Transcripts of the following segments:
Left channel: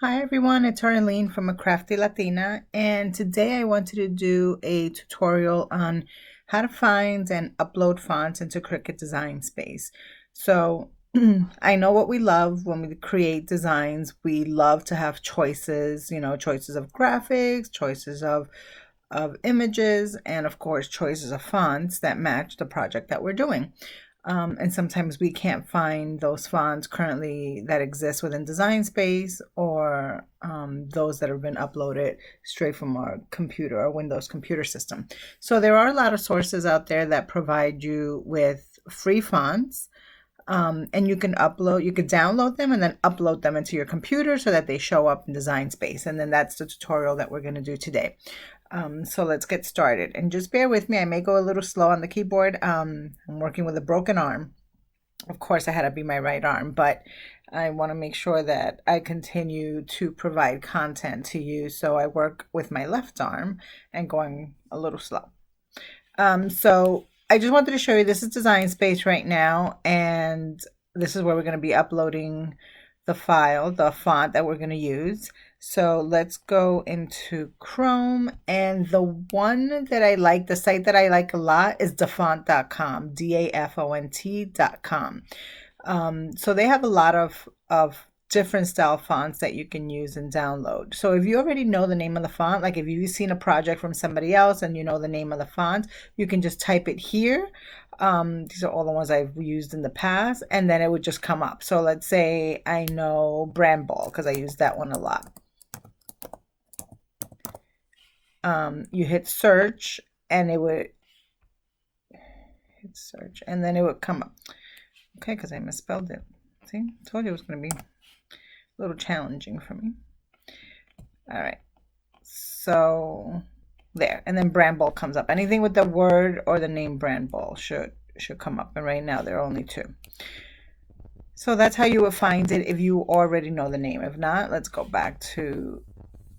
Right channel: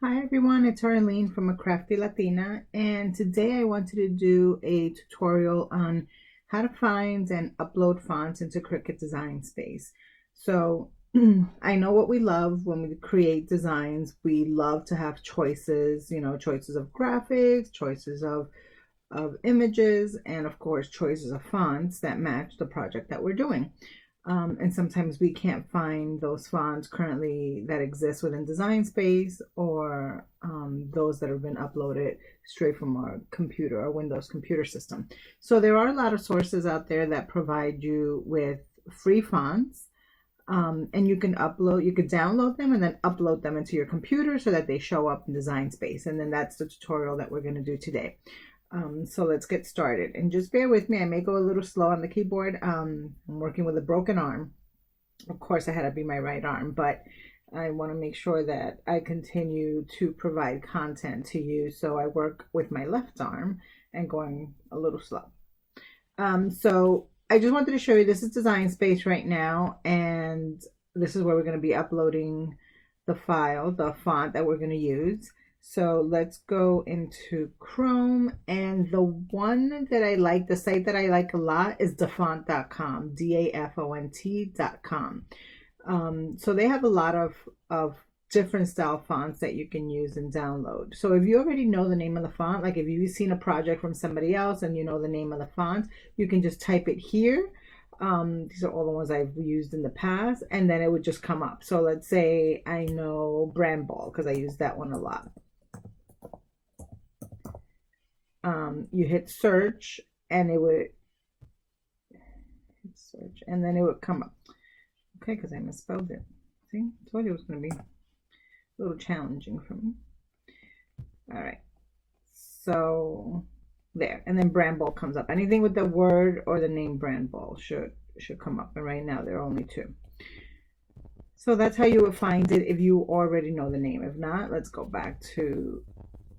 Hi everyone, it's Arlene from A Crafty Latina, and today I wanted to do a tutorial on how to find and upload fonts into Cricut Design Space. So I know what we love when we create designs. We love to have choices, choices of graphics, choices of images, and of course choices of fonts that match the project that we're doing. And sometimes we can't find those fonts currently that exist within Design Space or those that have been uploaded straight from our computer or Windows computer system. So there are a lot of sources out there that provide you with free fonts. And you can download them and then upload them into your computer so that they show up in Design Space. And then that's the tutorial that we're going to do today. So let's get started, and just bear with me. I may go a little slow on the keyboard. I'm working with a broken arm. Of course, I had to be my right arm, but I want to make sure that I continue to provide content to you. So I work with my left arm and going a little slow. So I just wanted to show you, this is Design Space right now, and this is where we're going to be uploading the file, the font that we're going to use. So let's go into Chrome, and the one that I like, the site that I like a lot is Dafont.com, Dafont.com. So they have a lot of different style fonts that you can use and download. So if you already know the name of the font, like if you've seen a project from somebody else and you know the name of the font, you can just type it here. These are all the ones I've used in the past, and then it would just come up. So let's say I know Brand Ball because I use that one a lot. You hit search and it would hit search and then it would come up. Okay, because I misspelled it. See, I told you it was going to be a little challenging for me. All right, so there, and then Brand Ball comes up. Anything with the word or the name Brand Ball should come up, and right now there are only two. So that's how you would find it if you already know the name. If not, let's go back to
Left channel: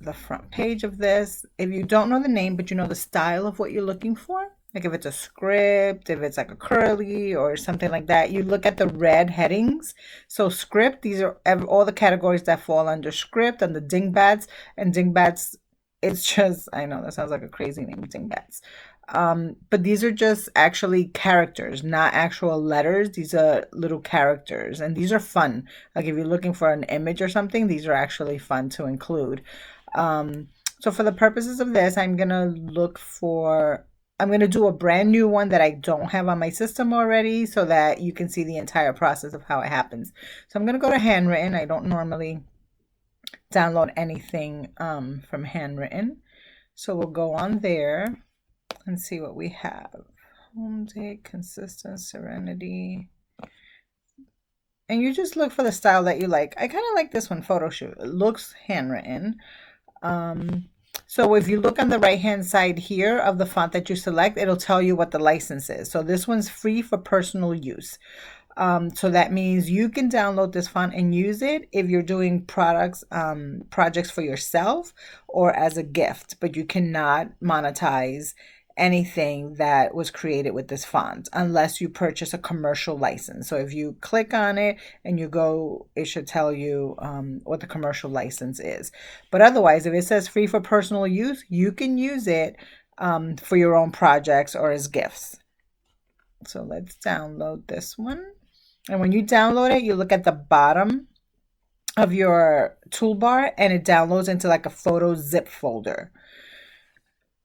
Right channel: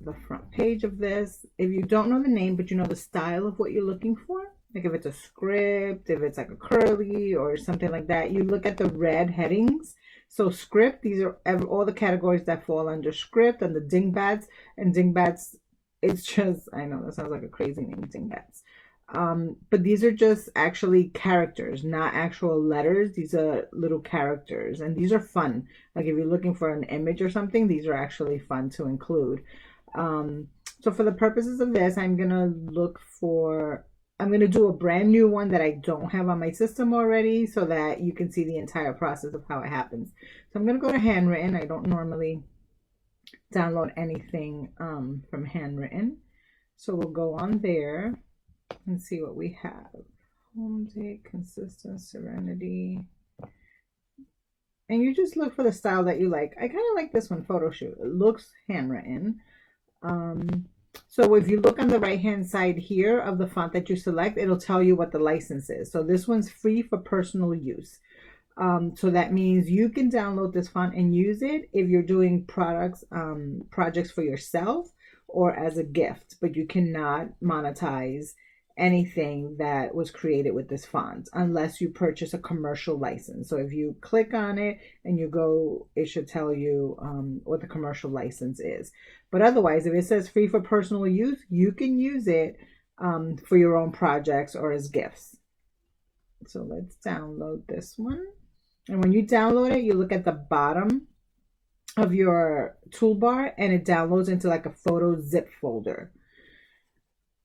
the front page of this. If you don't know the name, but you know the style of what you're looking for, like if it's a script, if it's like a curly or something like that, you look at the red headings. So script, these are all the categories that fall under script, and the dingbats. And dingbats, it's just, I know that sounds like a crazy name, dingbats. But these are just actually characters, not actual letters. These are little characters, and these are fun. Like if you're looking for an image or something, these are actually fun to include. So for the purposes of this, I'm going to do a brand new one that I don't have on my system already so that you can see the entire process of how it happens. So I'm going to go to handwritten. I don't normally download anything from handwritten. So we'll go on there and see what we have. Home date, consistent, serenity. And you just look for the style that you like. I kind of like this one, photo shoot. It looks handwritten. So if you look on the right hand side here of the font that you select, it'll tell you what the license is. So this one's free for personal use. So that means you can download this font and use it if you're doing projects for yourself or as a gift, but you cannot monetize anything that was created with this font unless you purchase a commercial license. So if you click on it and you go, it should tell you what the commercial license is. But otherwise, if it says free for personal use, you can use it for your own projects or as gifts. So let's download this one. And when you download it, you look at the bottom of your toolbar and it downloads into like a photo zip folder.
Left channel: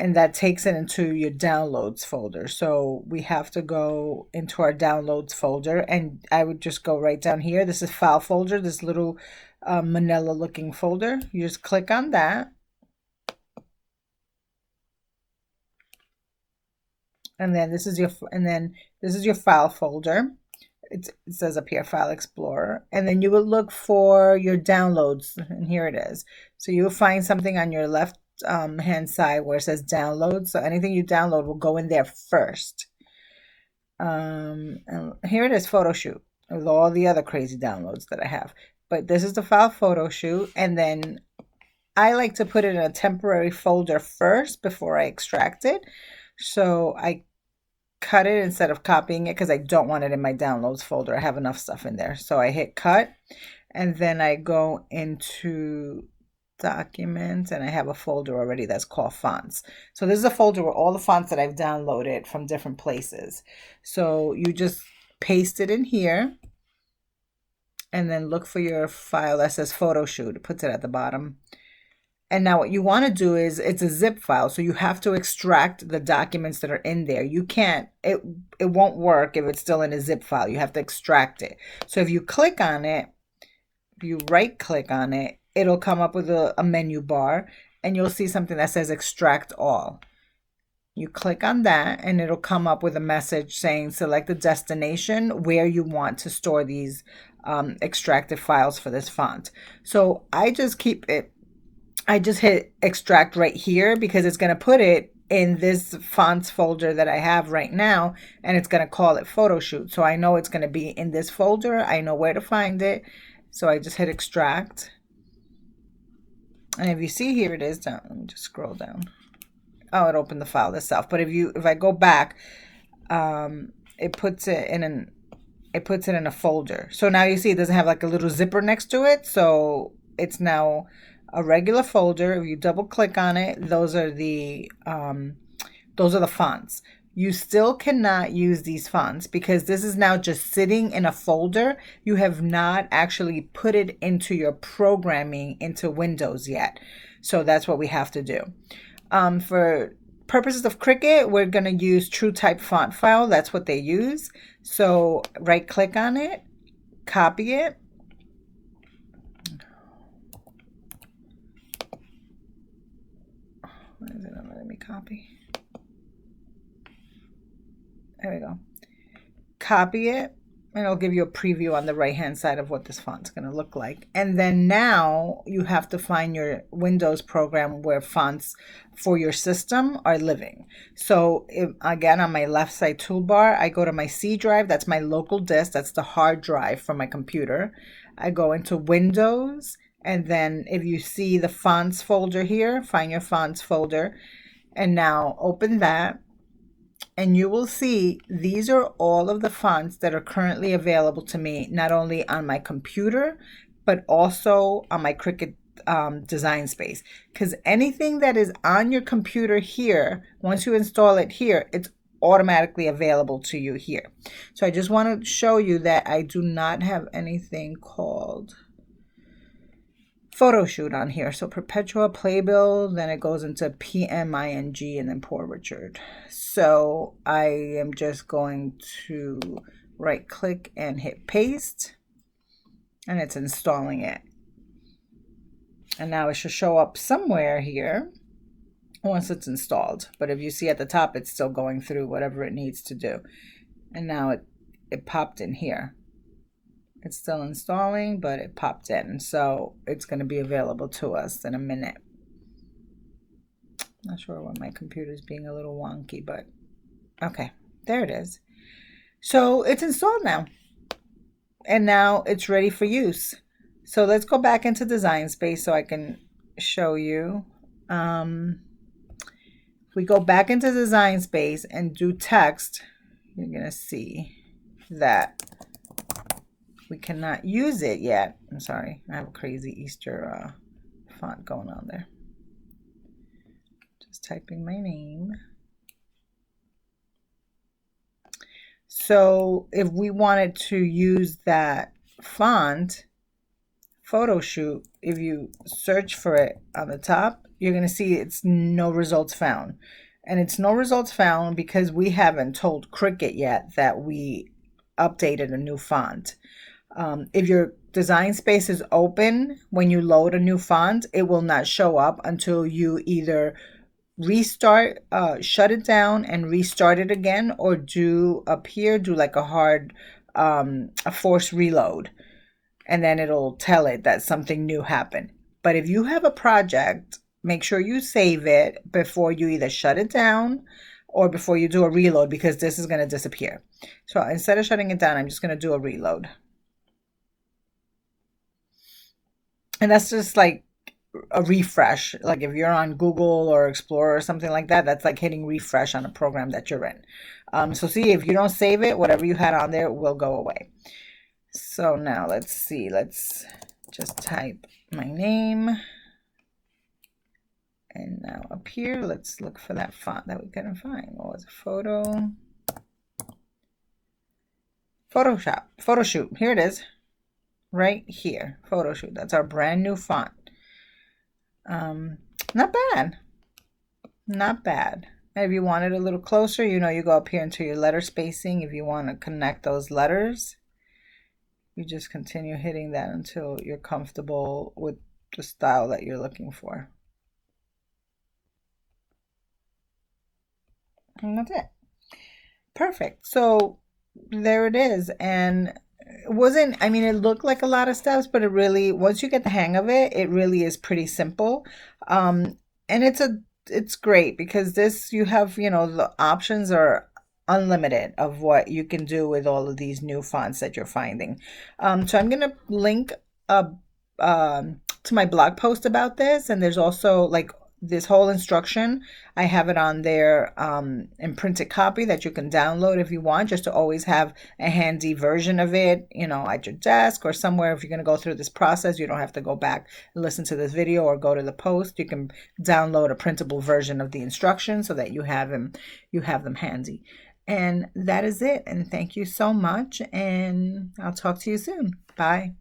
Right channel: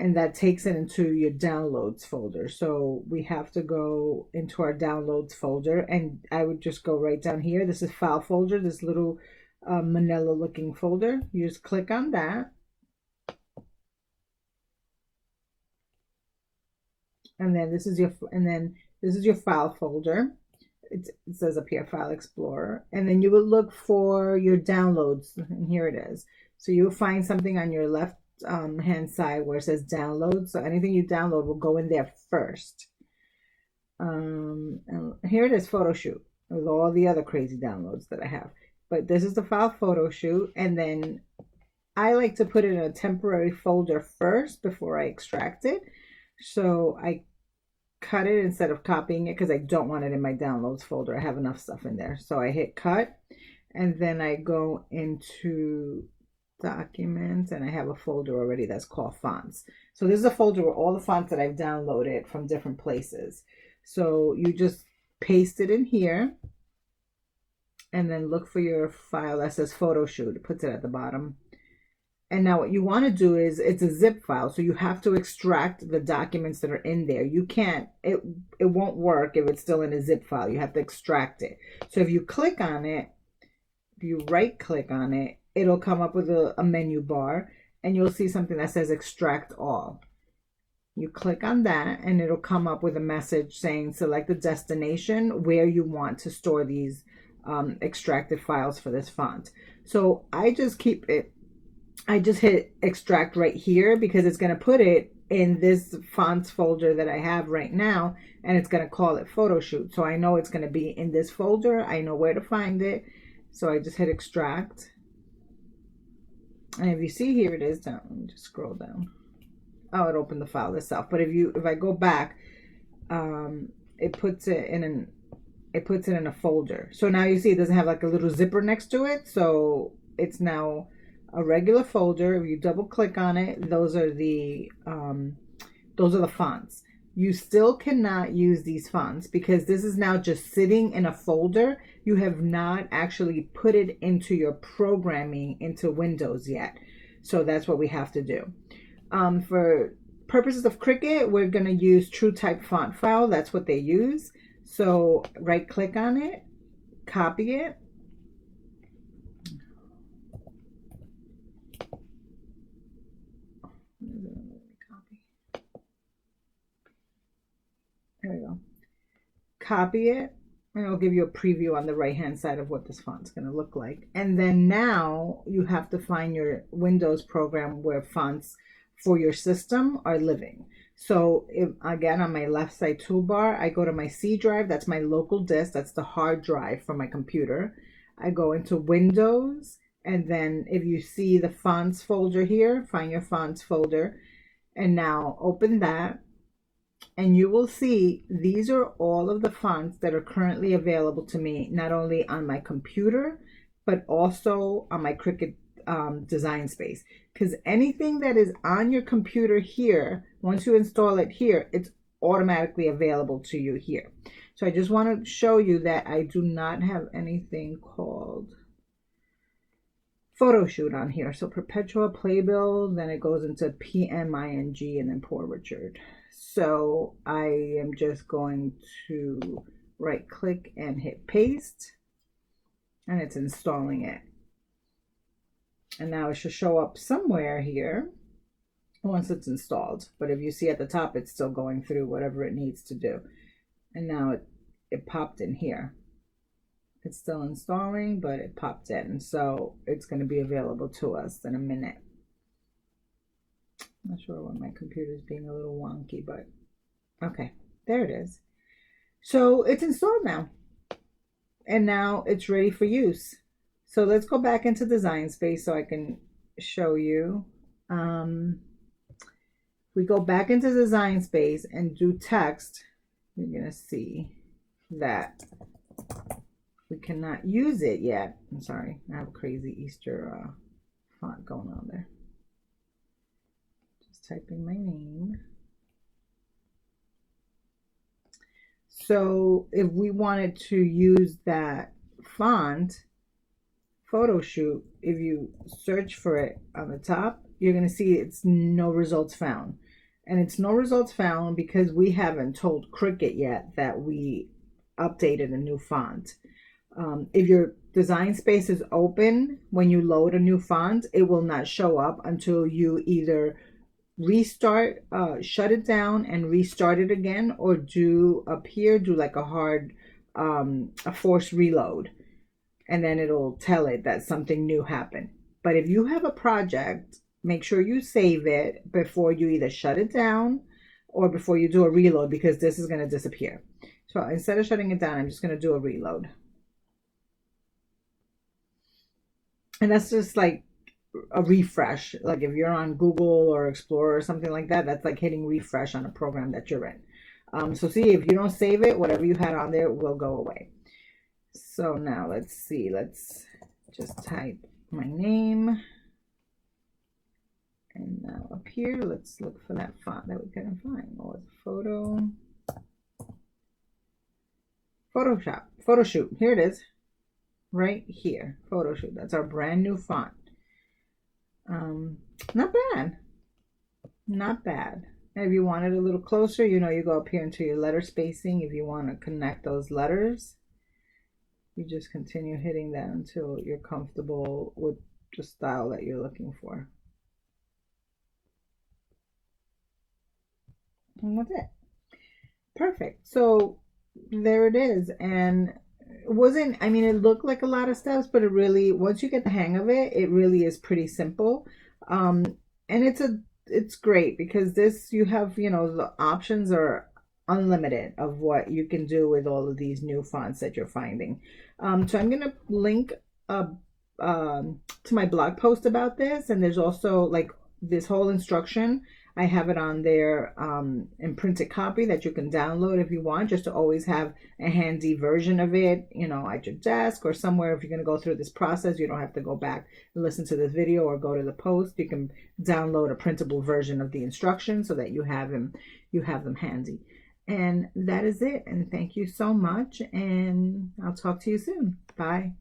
And that takes it into your downloads folder. So we have to go into our downloads folder, and I would just go right down here. This is file folder, this little manila looking folder. You just click on that. And then this is your file folder. It says up here, File Explorer. And then you will look for your downloads, and here it is. So you'll find something on your left hand side where it says download. So anything you download will go in there first. And here it is, photo shoot, with all the other crazy downloads that I have. But this is the file photo shoot, and then I like to put it in a temporary folder first before I extract it. So I cut it instead of copying it because I don't want it in my downloads folder. I have enough stuff in there. So I hit cut, And then I go into documents and I have a folder already that's called fonts. So this is a folder with all the fonts that I've downloaded from different places. So you just paste it in here and then look for your file that says photo shoot. It puts it at the bottom. And now what you want to do is, it's a zip file, so you have to extract the documents that are in there. You can't, it won't work if it's still in a zip file. You have to extract it. So if you click on it, if you right click on it, it'll come up with a menu bar and you'll see something that says extract all. You click on that and it'll come up with a message saying select the destination where you want to store these extracted files for this font. So I just hit extract right here because it's going to put it in this fonts folder that I have right now, and it's going to call it photo shoot. So I know it's going to be in this folder. I know where to find it. So I just hit extract. And if you see, here it is down. Let me just scroll down. Oh, it opened the file itself. But if I go back, it puts it in a folder. So now you see it doesn't have like a little zipper next to it. So it's now a regular folder. If you double click on it, those are the fonts. You still cannot use these fonts because this is now just sitting in a folder. You have not actually put it into your programming into Windows yet. So that's what we have to do. For purposes of Cricut, we're going to use TrueType font file. That's what they use. So right click on it, copy it. What is it? Let me copy. There we go. Copy it, and it'll give you a preview on the right hand side of what this font's going to look like. And then now you have to find your Windows program where fonts for your system are living. So again, on my left side toolbar, I go to my C drive. That's my local disk. That's the hard drive for my computer. I go into Windows, and then if you see the fonts folder here, find your fonts folder, and now open that. And you will see these are all of the fonts that are currently available to me, not only on my computer, but also on my Cricut design space. Because anything that is on your computer here, once you install it here, it's automatically available to you here. So I just want to show you that I do not have anything called photo shoot on here. So Perpetua Playbill, then it goes into PMING, and then Poor Richard. So I am just going to right click and hit paste, and it's installing it. And now it should show up somewhere here once it's installed. But if you see at the top, it's still going through whatever it needs to do. And now it popped in here. It's still installing, but it popped in. So it's going to be available to us in a minute. Not sure why my computer's being a little wonky, but okay, there it is. So it's installed now. And now it's ready for use. So let's go back into Design Space so I can show you. If we go back into Design Space and do text, you're going to see that we cannot use it yet. I'm sorry, I have a crazy Easter font going on there. Just typing my name. So if we wanted to use that font, photo shoot, if you search for it on the top, you're going to see it's no results found. And it's no results found because we haven't told Cricut yet that we updated a new font. If your design space is open, when you load a new font, it will not show up until you either restart, shut it down and restart it again, or do up here, do like a hard, a forced reload. And then it'll tell it that something new happened. But if you have a project, make sure you save it before you either shut it down or before you do a reload, because this is going to disappear. So instead of shutting it down, I'm just going to do a reload. And that's just like a refresh. Like if you're on Google or Explorer or something like that, that's like hitting refresh on a program that you're in. So see, if you don't save it, whatever you had on there will go away. So now let's see, let's just type my name. And now up here, let's look for that font that we couldn't find. What was it? Photoshoot. Here it is. Right here. Photoshoot. That's our brand new font. Not bad. Not bad. And if you want it a little closer, you know, you go up here into your letter spacing. If you want to connect those letters, you just continue hitting that until you're comfortable with the style that you're looking for. And that's it. Perfect. So there it is. And it wasn't, I mean, it looked like a lot of steps, but it really, once you get the hang of it, it really is pretty simple. And it's great because this, you have, you know, the options are unlimited of what you can do with all of these new fonts that you're finding. So I'm going to link to my blog post about this. And there's also like this whole instruction. I have it on there in printed copy that you can download if you want, just to always have a handy version of it, you know, at your desk or somewhere. If you're going to go through this process, you don't have to go back and listen to this video or go to the post. You can download a printable version of the instructions so that you have them handy. And that is it. And thank you so much. And I'll talk to you soon. Bye.